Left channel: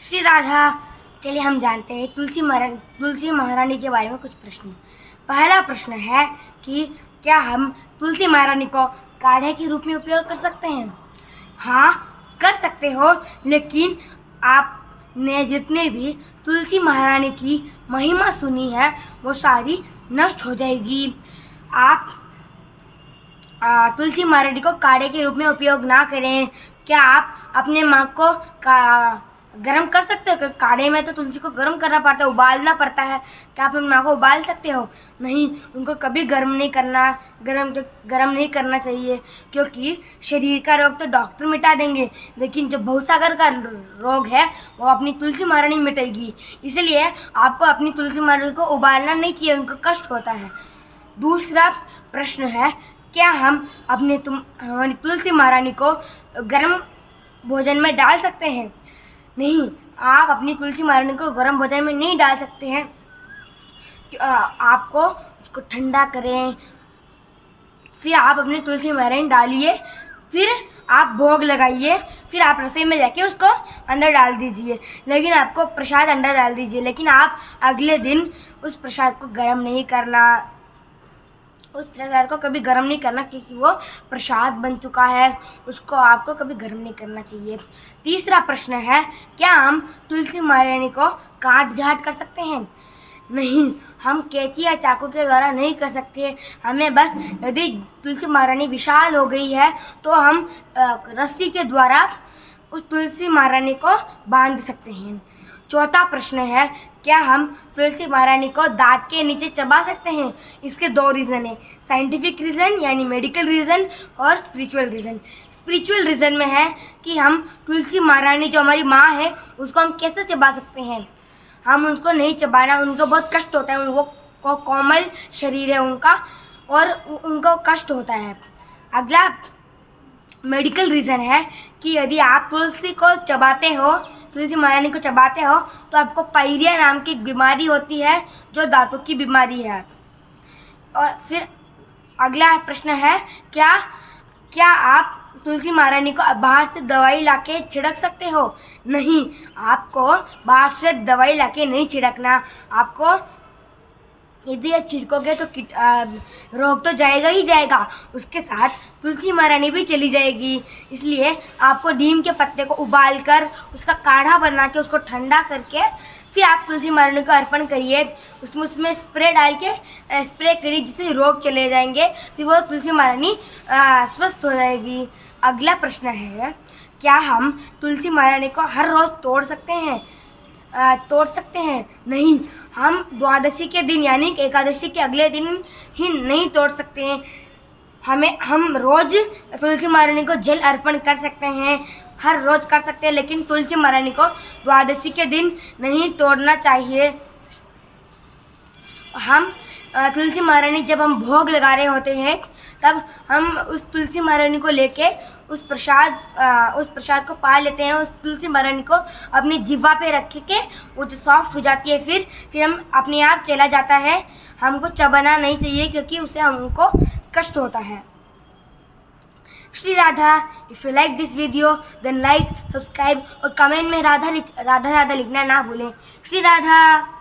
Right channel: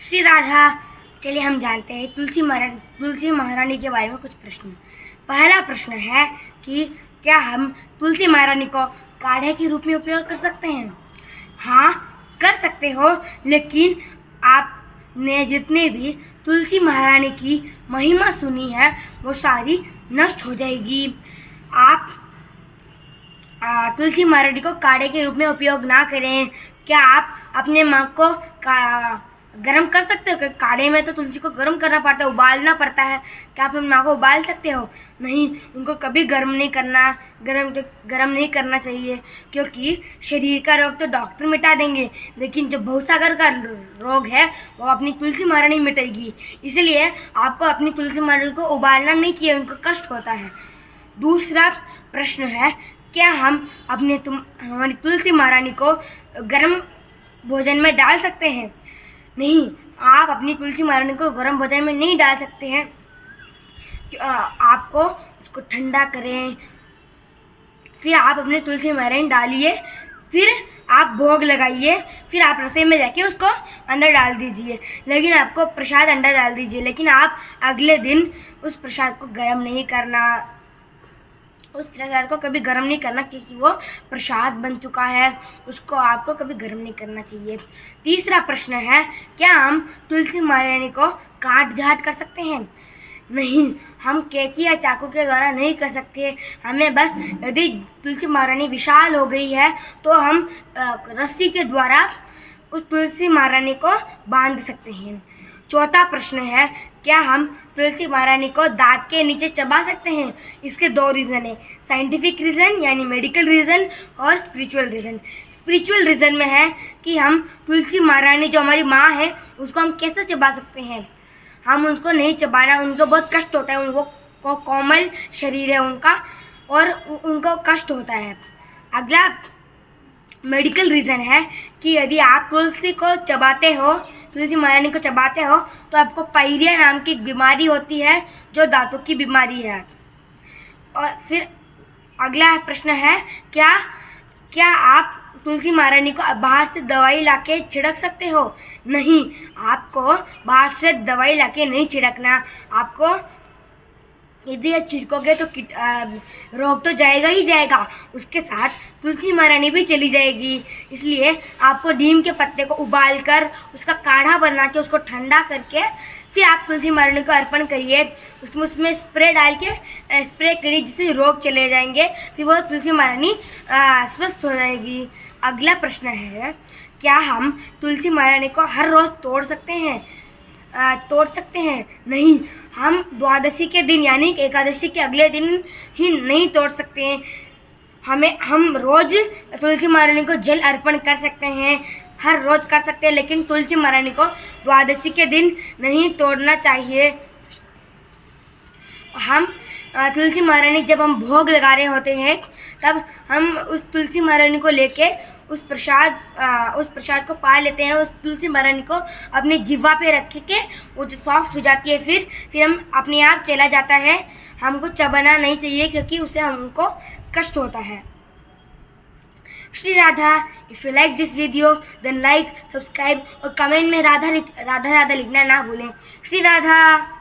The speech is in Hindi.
श्री राधा। चलिए हम जानते हैं तुलसी महारानी के बारे में कुछ प्रश्न। पहला प्रश्न है कि क्या हम तुलसी महारानी को काढ़े के रूप में उपयोग कर सकते हैं? हाँ, कर सकते हो, लेकिन आपने जितने भी तुलसी महारानी की महिमा सुनी है वो सारी नष्ट हो जाएगी। आप तुलसी महारानी को काढ़े के रूप में उपयोग ना करें। क्या आप अपने माँ को गर्म कर सकते हो? काढ़े में तो तुलसी को गर्म करना पड़ता है, उबालना पड़ता है। क्या आप अपनी माँ को उबाल सकते हो? नहीं, उनको कभी गर्म नहीं करना चाहिए, क्योंकि शरीर का रोग तो डॉक्टर मिटा देंगे, लेकिन जो भवसागर का रोग है वो अपनी तुलसी महारानी मिटाएगी। इसलिए आपको अपनी तुलसी महारानी को उबालना नहीं चाहिए, उनको कष्ट होता है। दूसरा प्रश्न है, क्या हम हमारी तुलसी महारानी को गर्म भोजन में डाल सकते हैं? नहीं, आप अपनी तुलसी महारानी को गर्म भोजन में नहीं डाल सकते हैं। आपको उसको ठंडा करें, फिर आप अपनी तुलसी महारानी डालिए, फिर आप भोग लगाइए, फिर आप रसोई में जाके उसको अंदर डाल दीजिए। लेकिन आपको प्रसाद अंदर डाल दीजिए, लेकिन आप अगले दिन उस प्रसाद को गर्म नहीं करना, उस प्रसाद को कभी गर्म नहीं करना, क्योंकि वो प्रसाद बन चुका है, उसको आपको कभी गर्म नहीं करना चाहिए। तीसरा प्रश्न है, क्या हम तुलसी महारानी को काट छाँट कर सकते हैं? नहीं, हम कैंची या चाकू के द्वारा नहीं कर सकते। हमें बस यदि तुलसी महारानी विशाल हो गई है तो हम रस्सी के द्वारा उस तुलसी महारानी को बांध सकते हैं। चौथा प्रश्न है, क्या हम तुलसी महारानी को दांत के नीचे चबा सकते हैं? इसके दो रीज़न है, साइंटिफिक रीज़न यानी मेडिकल रीज़न और स्पिरिचुअल रीज़न। स्पिरिचुअल रीज़न में है कि हम तुलसी महारानी जो हमारी माँ है उसको हम कैसे चबा सकते हैं? हम उनको नहीं चबाना, उनको बहुत कष्ट होता है, वो कोमल शरीर है उनका और उनको कष्ट होता है। अगला मेडिकल रीज़न है कि यदि आप तुलसी महारानी को चबाते हो तो आपको पायरिया नाम की बीमारी होती है, जो दांतों की बीमारी है। और फिर अगला प्रश्न है, क्या आप तुलसी महारानी को बाहर से दवाई लाके छिड़क सकते हो? नहीं, आपको बाहर से दवाई लाके नहीं छिड़कना। आपको यदि आप छिड़कोगे तो रोग तो जाएगा ही जाएगा, उसके साथ तुलसी महारानी भी चली जाएगी। इसलिए आपको नीम के पत्ते को उबाल कर उसका काढ़ा बना के उसको ठंडा करके फिर आप तुलसी महारानी को अर्पण करिए। उसमें स्प्रे डाल के स्प्रे करिए, जिससे रोग चले जाएंगे, फिर वो तुलसी महारानी स्वस्थ हो जाएगी। अगला प्रश्न है, क्या हम तुलसी महारानी को हर रोज़ तोड़ सकते हैं? नहीं, हम द्वादशी के दिन यानी एकादशी के अगले दिन ही नहीं तोड़ सकते हैं। हम रोज़ तुलसी महारानी को जल अर्पण कर सकते हैं, हर रोज़ कर सकते हैं, लेकिन तुलसी महारानी को द्वादशी के दिन नहीं तोड़ना चाहिए। हम तुलसी महारानी जब हम भोग लगा रहे होते हैं तब हम उस तुलसी महारानी को लेके उस प्रसाद को पा लेते हैं। उस तुलसी महारानी को अपनी जिह्वा पे रख के वो जो सॉफ्ट हो जाती है, फिर हम अपने आप चला जाता है। हमको चबाना नहीं चाहिए, क्योंकि उससे हमको कष्ट होता है। Shri Radha. If you like this video then like, subscribe और कमेंट में राधा राधा लिखना ना भूलें। श्री राधा।